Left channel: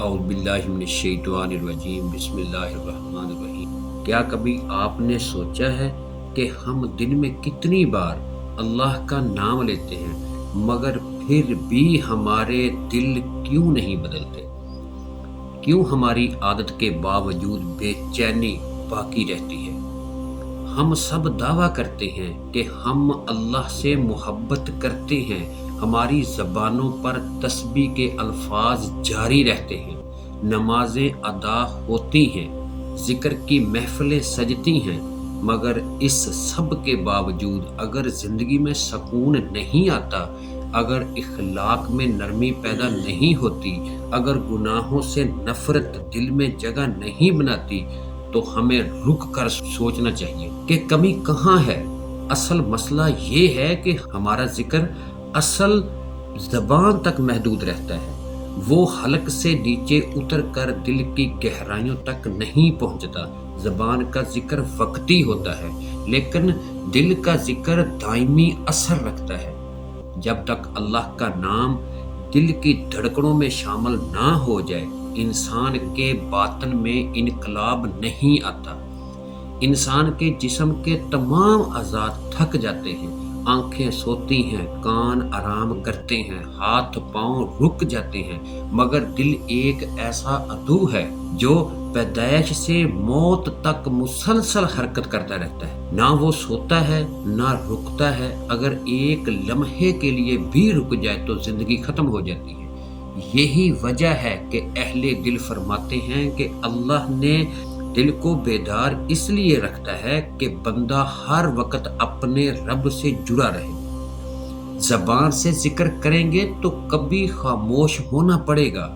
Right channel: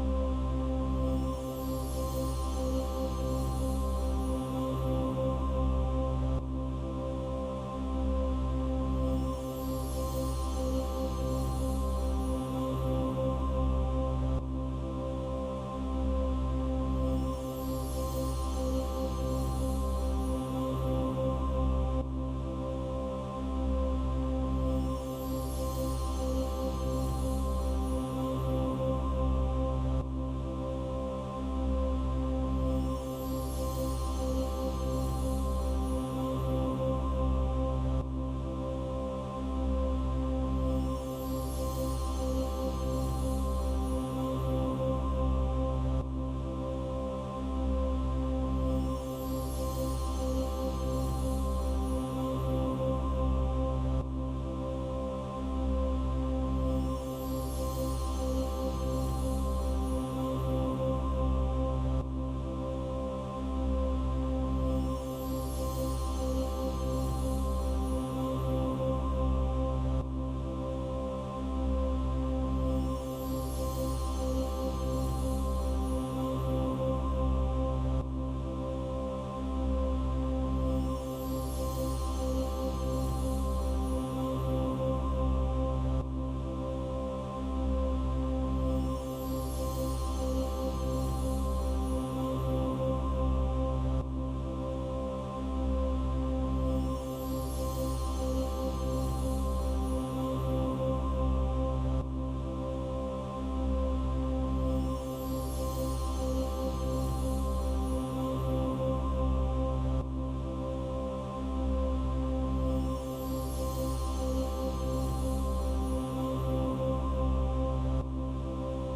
اعوذ باللہ من الشیطان الرجیم بسم اللہ الرحمن الرحیم۔ کیا کبھی آپ نے سوچا ہے کہ ہم دن میں کتنی بار اللہ کا نام لیتے ہیں مگر پھر بھی ہمارے دل کیوں نہیں بدلتے؟ کیوں ہماری عادت کے باوجود بے چینی باقی رہتی ہے؟ ہم سب دعویٰ کرتے ہیں کہ ہم اللہ سے محبت کرتے ہیں، ہماری زبانوں پر تسبیح کے الفاظ جاری رہتے ہیں، نمازیں ادا ہوتی ہیں، ذکر کی محفلیں سجتی ہیں، مگر اس سب کے باوجود اگر زندگی میں سکون نہیں آتا، اگر اخلاق میں نرمی پیدا نہیں ہوتی، اگر گناہوں سے نفرت دل میں جگہ نہیں بناتی، تو ہمیں رک کر سوچنا چاہیے کہ کمی کہاں ہے۔ اصل مسئلہ یہ ہے کہ ہمارا ذکر اصل زبان تک محدود رہتا ہے، وہ حلق سے نیچے اتر کر دل کی گہرائیوں تک نہیں پہنچتا۔ زبان کا ذکر وقتی ہوتا ہے لیکن دل کا ذکر دائمی اثر رکھتا ہے۔ جب تک اللہ کا نام دل کی دھڑکنوں میں شامل نہ ہو جائے، انسان کے باطن میں انقلاب نہیں آتا۔ انسان کے جسم کے تمام اعضاء تھک جاتے ہیں، آنکھیں سوتی ہیں، کان آرام کرتے ہیں، ہاتھ پاؤں رک جاتے ہیں، مگر دل ایک ایسا عدو ہے جو پیدائش سے موت تک مسلسل حرکت کرتا رہتا ہے۔ نہ وہ سوتا ہے نہ رکتا ہے، اگر ایک لمحے کے لیے بھی رک جائے تو زندگی ختم ہو جاتی ہے۔ یہی وجہ ہے کہ اہل دل فرماتے ہیں کہ اللہ نے دل کو بیدار اس لیے رکھتا ہے کہ بندہ ہر وقت اپنے رب سے جڑا رہے۔ زبان سے ذکر کریں گے تو کبھی خاموش ہونا پڑے گا،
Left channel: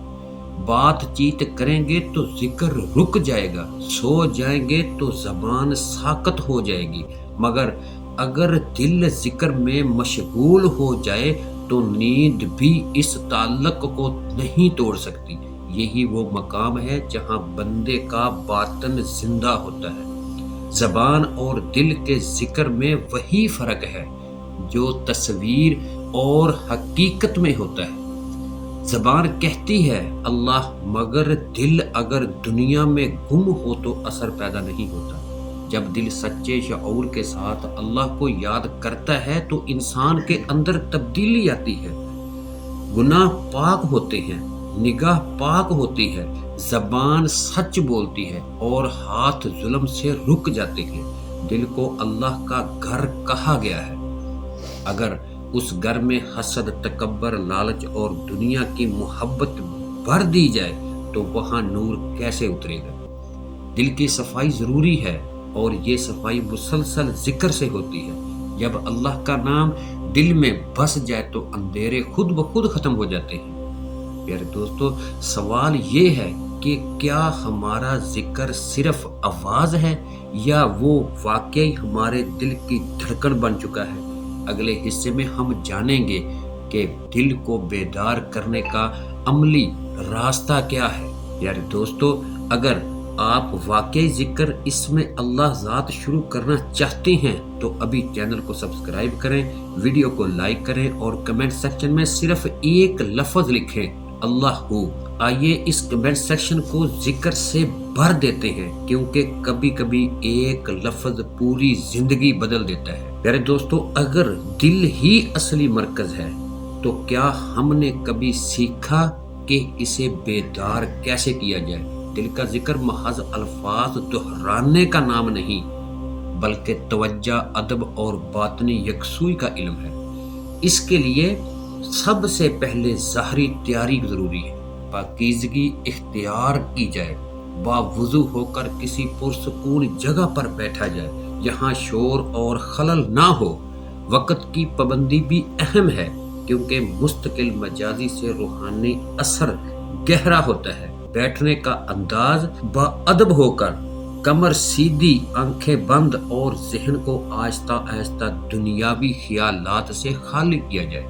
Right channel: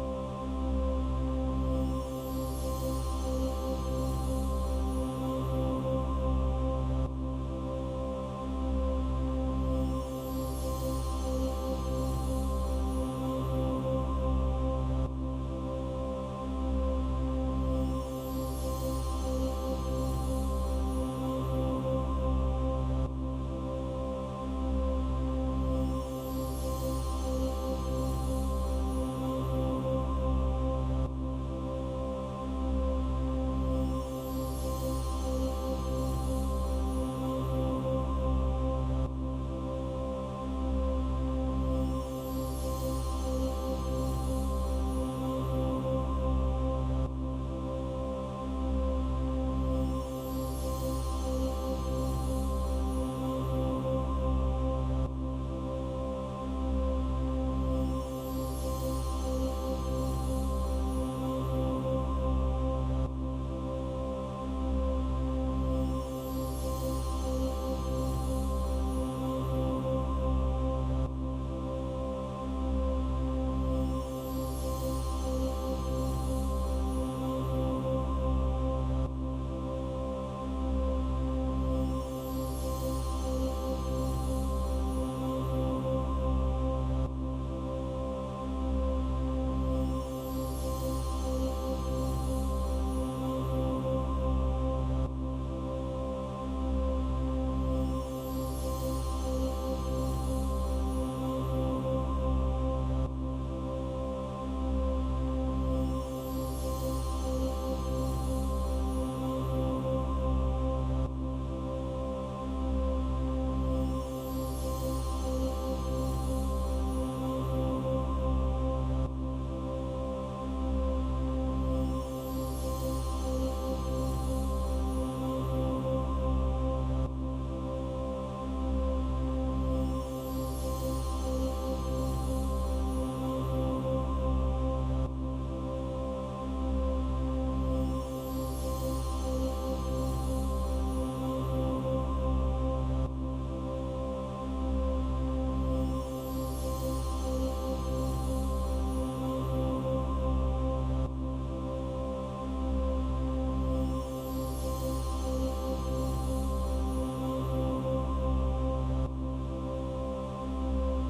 بات چیت کریں گے تو ذکر رک جائے گا، سو جائیں گے تو زبان ساکت ہو جائے گی، مگر اگر دل ذکر میں مشغول ہو جائے تو نیند بھی اس تعلق کو نہیں توڑ سکتی۔ یہی وہ مقام ہے جہاں بندے کا باطن زندہ ہوتا ہے۔ زبان اور دل کے ذکر میں وہی فرق ہے جو تصویر اور حقیقت میں ہوتا ہے۔ زبان کہتی ہے اللہ، مگر دل اگر دنیا میں گم ہو تو اثر پیدا نہیں ہوتا۔ جب دل سچے شعور کے ساتھ اللہ کو یاد کرتا ہے تو انسان کے اندر تبدیلی آتی ہے، گناہ پاک ہوتے ہیں، نگاہ پاک ہوتی ہے، زبان سچ بولتی ہے اور ہاتھ ظلم سے رک جاتے ہیں۔ دل کو اللہ کا گھر کہا گیا ہے۔ اگر اس گھر میں حسد، تکبر، لالچ اور دنیا کی محبت بھر دی جائے تو وہاں نور کیسے اترے گا؟ دل کی صفائی ضروری ہے اور یہ صفائی مسلسل ذکر سے ہوتی ہے۔ جب اللہ کا نام دل میں بس جائے تو اندھیرے خود بخود ختم ہو جاتے ہیں۔ پیارے دوستو، سوال یہ ہے کہ کیا ہمارا ذکر صرف آواز ہے یا وہ واقعی ہمارے دل کی دھڑکن بن چکا ہے؟ اگلے حصے میں ہم جانیں گے کہ دل کو بیدار کرنے کا عملی راستہ کیا ہے۔ پیارے دوستو، اگر آپ واقعی ذکر اس میں اللہ ذات شروع کرنا چاہتے ہیں تو ابھی چینل کو سبسکرائب کریں، ویڈیو کو لائک کریں اور کمنٹ سیکشن میں صرف ایک لفظ لکھیں، اللہ ہو۔ آئیے اس کمنٹ سیکشن کو ذکر سے بھر دیتے ہیں، کیونکہ کبھی کبھی ایک لفظ پوری زندگی بدل دیتا ہے۔ پیارے دوستو، اگر دل ہی اصلی مرکز ہے تو کیا ہم نے کبھی سیکھا کہ اسے بیدار کیسے کیا جائے؟ دل کا ذکر محض الفاظ دہرانے کا نام نہیں بلکہ توجہ، ادب اور باطنی یکسوئی کا علم ہے۔ اس کے لیے سب سے پہلے ظاہری تیاری ضروری ہے۔ پاکیزگی اختیار کی جائے، باوضو ہو کر کسی پرسکون جگہ پر بیٹھا جائے جہاں شور اور خلل نہ ہو۔ وقت کی پابندی بھی اہم ہے کیونکہ مستقل مجازی سے روحانی اثر گہرا ہوتا ہے۔ بیٹھنے کا انداز باادب ہو کر، کمر سیدھی، آنکھیں بند اور ذہن کو آہستہ آہستہ دنیاوی خیالات سے خالی کیا جائے۔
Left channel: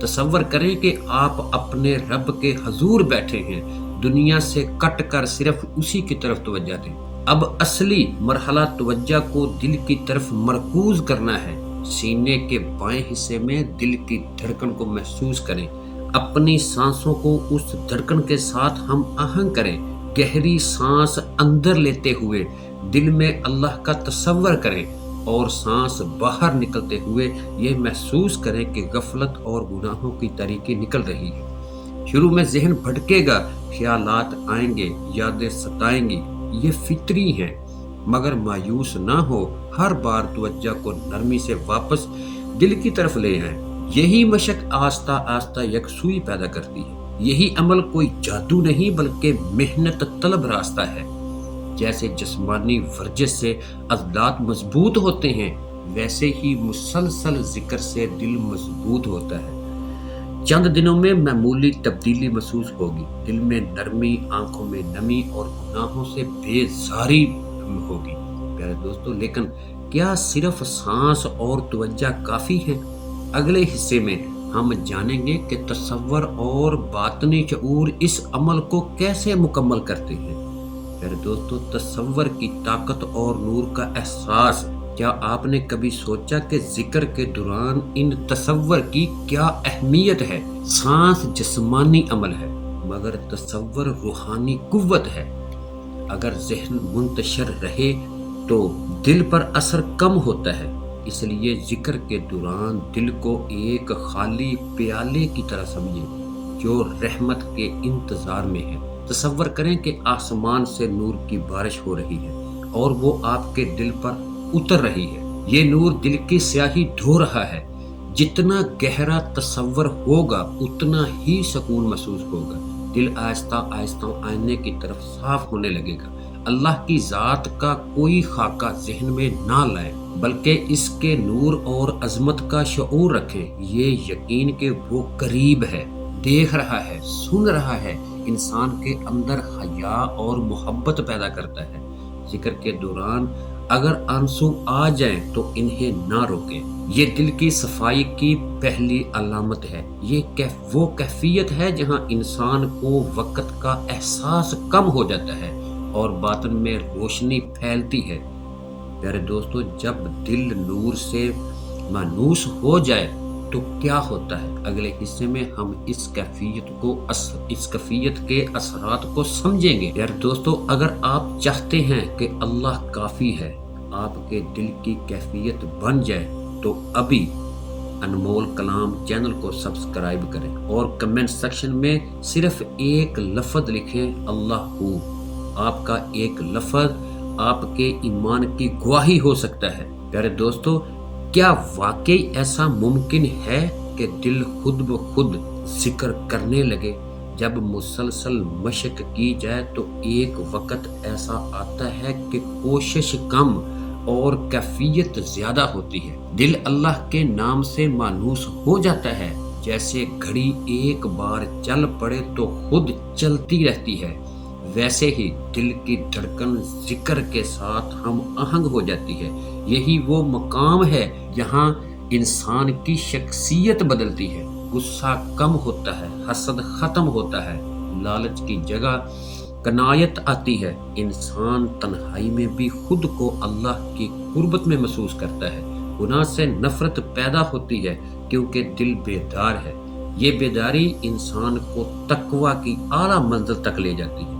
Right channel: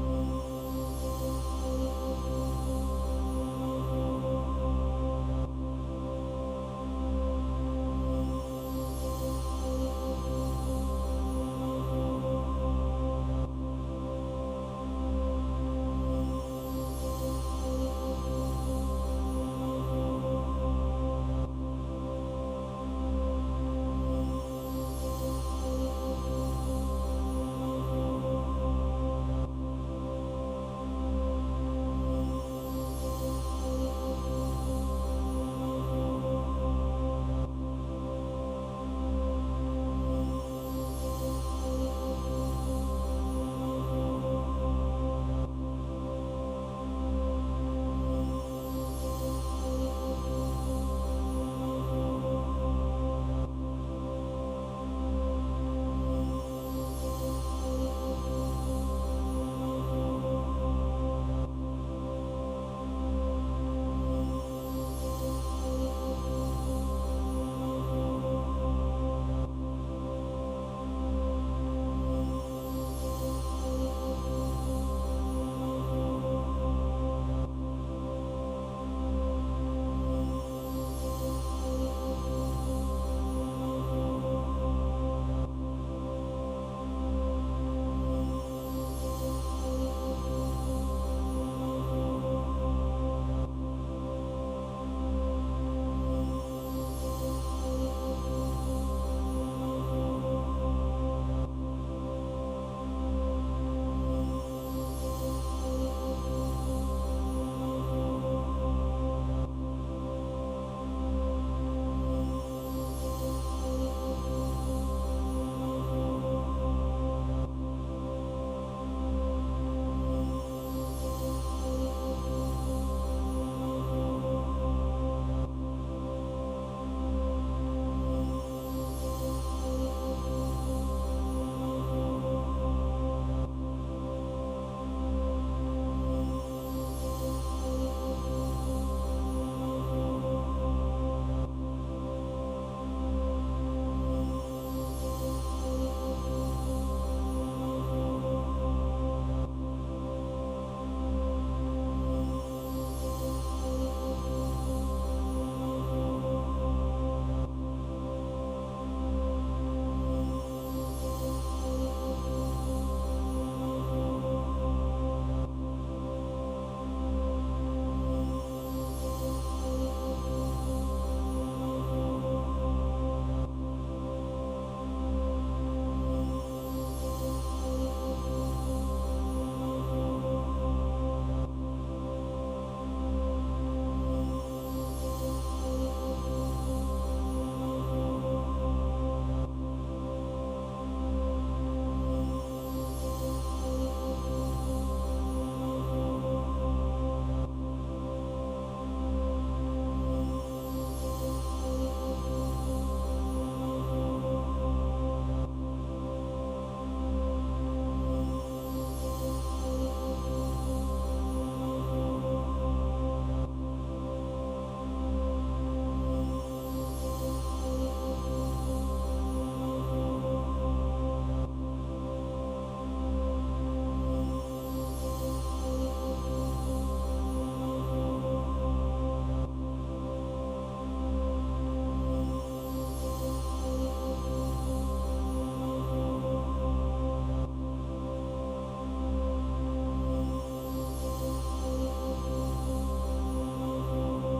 تصور کریں کہ آپ اپنے رب کے حضور بیٹھے ہیں، دنیا سے کٹ کر صرف اسی کی طرف توجہ دیں۔ اب اصلی مرحلہ توجہ کو دل کی طرف مرکوز کرنا ہے۔ سینے کے بائیں حصے میں دل کی دھڑکن کو محسوس کریں، اپنی سانسوں کو اس دھڑکن کے ساتھ ہم آہنگ کریں، گہری سانس اندر لیتے ہوئے دل میں اللہ کا تصور کریں اور سانس باہر نکلتے ہوئے یہ محسوس کریں کہ غفلت اور گناہوں کی تاریکی نکل رہی ہے۔ شروع میں ذہن بھٹکے گا، خیالات آئیں گے، یادیں ستائیں گی، یہ فطری ہیں، مگر مایوس نہ ہو، ہر بار توجہ کو نرمی سے واپس دل کی طرف لے آئیں۔ یہی مشق آہستہ آہستہ یکسوئی پیدا کرتی ہے۔ یہی عمل کوئی جادو نہیں بلکہ محنت طلب راستہ ہے۔ جیسے جسمانی ورزش سے عضلات مضبوط ہوتے ہیں، ویسے ہی مسلسل ذکر سے دل مضبوط ہوتا ہے۔ چند دنوں میں معمولی تبدیلی محسوس ہوگی، دل میں نرمی، آنکھوں میں نمی اور گناہوں سے بیزاری ہوگی۔ پیارے دوستو، لیکن کیا صرف سانس اور توجہ کافی ہے؟ اگلے حصے میں ہم جانیں گے کہ تصور اور باطنی شعور اس عمل کو کیسے مکمل کرتے ہیں۔ پیارے دوستو، تصور کی طاقت اور نور کا احساس۔ کیا آپ نے کبھی سوچا کہ ذکر کے دوران ان تصور کی کیا اہمیت ہے؟ سانس جسمانی عمل ہے، مگر تصور روحانی قوت ہے۔ اگر ذہن منتشر رہے تو دل پر اثر کم ہوتا ہے، اس لیے ذکر کے دوران دل کو ایک خالی پیالے کی طرح سمجھیں جو رحمت کے انتظار میں ہے۔ تصور کریں کہ آسمان سے نور کی بارش ہو رہی ہے اور وہ آپ کے دل پر اتر رہی ہے۔ یہ نور دل کی سیاہی دھو رہا ہے۔ جتنا گہرا تصور ہوگا اتنا ہی سکون محسوس ہوگا۔ دل آہستہ آہستہ آئینے کی طرف صاف ہونے لگے گا۔ اللہ کی ذات کا کوئی خاکہ ذہن میں نہ لائیں، بلکہ اس کے نور اور عظمت کا شعور رکھیں۔ یہ یقین کہ وہ قریب ہے، دیکھ رہا ہے، سن رہا ہے، انسان کے اندر حیا اور محبت پیدا کرتا ہے۔ ذکر کے دوران اگر آنسو آ جائیں تو انہیں نہ روکیں۔ یہ دل کی صفائی کی پہلی علامت ہے۔ یہ وہ کیفیت ہے جہاں انسان کو وقت کا احساس کم ہو جاتا ہے اور باطن میں روشنی پھیلتی ہے۔ پیارے دوستو، جب دل نور سے مانوس ہو جائے تو کیا ہوتا ہے؟ اگلے حصے میں ہم اس کیفیت کے اثرات کو سمجھیں گے۔ یار دوستو، اگر آپ چاہتے ہیں کہ اللہ کافی ہے آپ کے دل کی کیفیت بن جائے تو ابھی انمول کلام چینل کو سبسکرائب کریں اور کمنٹ سیکشن میں صرف ایک لفظ لکھیں، اللہ ہو۔ آپ کا ایک لفظ آپ کے ایمان کی گواہی ہو سکتا ہے۔ پیارے دوستو، کیا واقعی ایسا ممکن ہے کہ دل خود بخود ذکر کرنے لگے؟ جب مسلسل مشق کی جائے تو ایک وقت ایسا آتا ہے کہ کوشش کم اور کیفیت زیادہ ہوتی ہے۔ دل اللہ کے نام سے مانوس ہو جاتا ہے، جیسے گھڑی ایک بار چل پڑے تو خود چلتی رہتی ہے، ویسے ہی دل کی دھڑکن ذکر کے ساتھ ہم آہنگ ہو جاتی ہے۔ یہی وہ مقام ہے جہاں انسان کی شخصیت بدلتی ہے، غصہ کم ہوتا ہے، حسد ختم ہوتا ہے، لالچ کی جگہ قناعت آتی ہے۔ انسان تنہائی میں بھی خود کو اللہ کی قربت میں محسوس کرتا ہے۔ گناہ سے نفرت پیدا ہوتی ہے کیونکہ دل بیدار ہے۔ یہ بیداری انسان کو تقوی کی اعلیٰ منزل تک لے جاتی ہے۔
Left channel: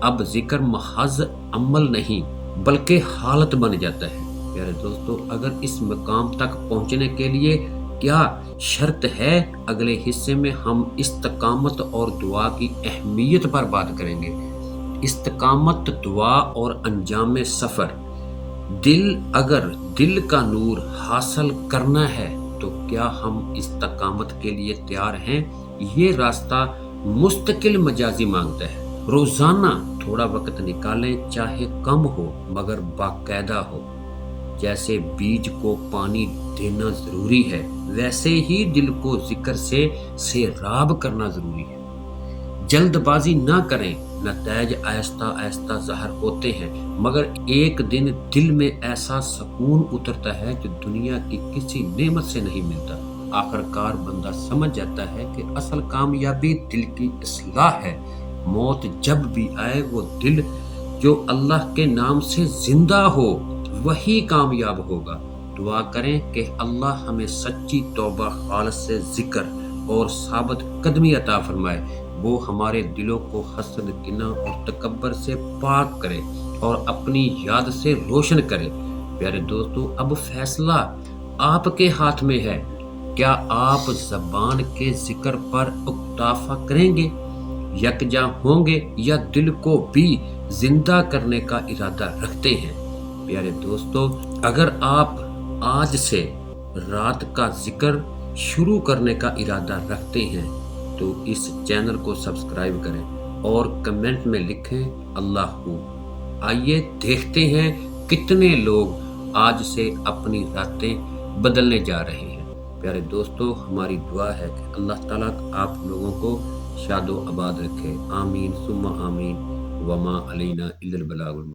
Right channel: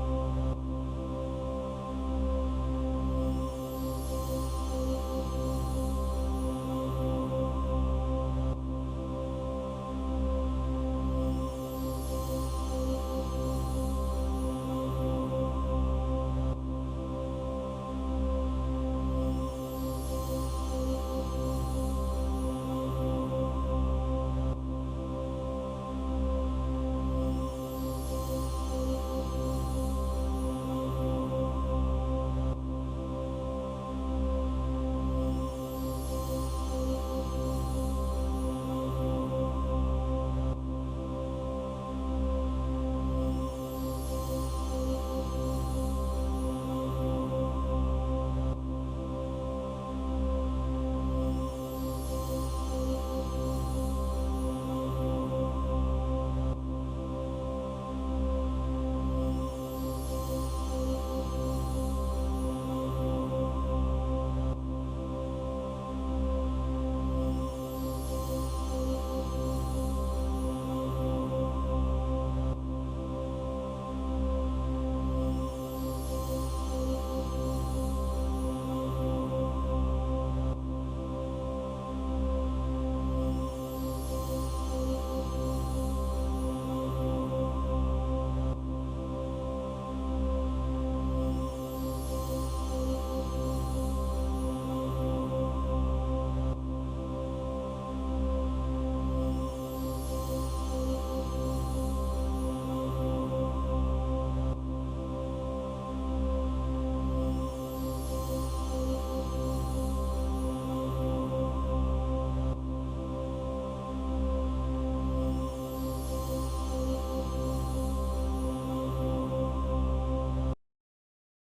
اب ذکر محض عمل نہیں بلکہ حالت بن جاتا ہے۔ پیارے دوستو، اگر اس مقام تک پہنچنے کے لیے کیا شرط ہے؟ اگلے حصے میں ہم استقامت اور دعا کی اہمیت پر بات کریں گے۔ استقامت، دعا اور انجام سفر۔ اگر دل کا نور حاصل کرنا ہے تو کیا ہم استقامت کے لیے تیار ہیں؟ یہ راستہ مستقل مجازی مانگتا ہے۔ روزانہ تھوڑا وقت نکالیں، چاہے کم ہو مگر باقاعدہ ہو۔ جیسے بیج کو پانی دینا ضروری ہے، ویسے ہی دل کو ذکر سے سیراب کرنا ضروری ہے۔ جلد بازی نہ کریں، نتائج آہستہ آہستہ ظاہر ہوتے ہیں، مگر ایک دن دل میں ایسا سکون اترتا ہے کہ دنیا کی کسی نعمت سے نہیں ملتا۔ آخرکار بندہ سمجھ جاتا ہے کہ اصل کامیابی دل کی اصلاح ہے۔ موت جب بھی آئے وہ دل جو اللہ کے نام سے زندہ ہو وہی کامیاب ہوگا۔ دعا کریں کہ اللہ ہمیں سچی توبہ، خالص سے ذکر اور ثابت قدمی عطا فرمائے، وہ ہمارے دلوں کو حسد، کینہ اور تکبر سے پاک کرے اور اپنی یاد سے روشن کرے۔ پیارے دوستو، اب فیصلہ آپ کے ہاتھ میں ہے۔ کیا آپ زبان کے ذکر پر اکتفا کریں گے، یکجا ہوں گے، یا دل کو بھی زندہ کرنے کا ارادہ رکھتے ہیں؟ پیارے دوستو، اگر آپ آج سے رات کا ذکر شروع کرنے کا ارادہ رکھتے ہیں تو اس چینل کو سبسکرائب کریں اور کمنٹ میں لکھیں اللہ ہو۔ آئیے دیکھتے ہیں کتنے لوگ آج سے اپنی راتیں بدلنے جا رہے ہیں۔ پیارے دوستو، ہماری دعا ہے کہ اللہ تعالیٰ آپ لوگوں کو شاد و آباد رکھے، آمین ثم آمین، وما علینا الا البلاغ المبین۔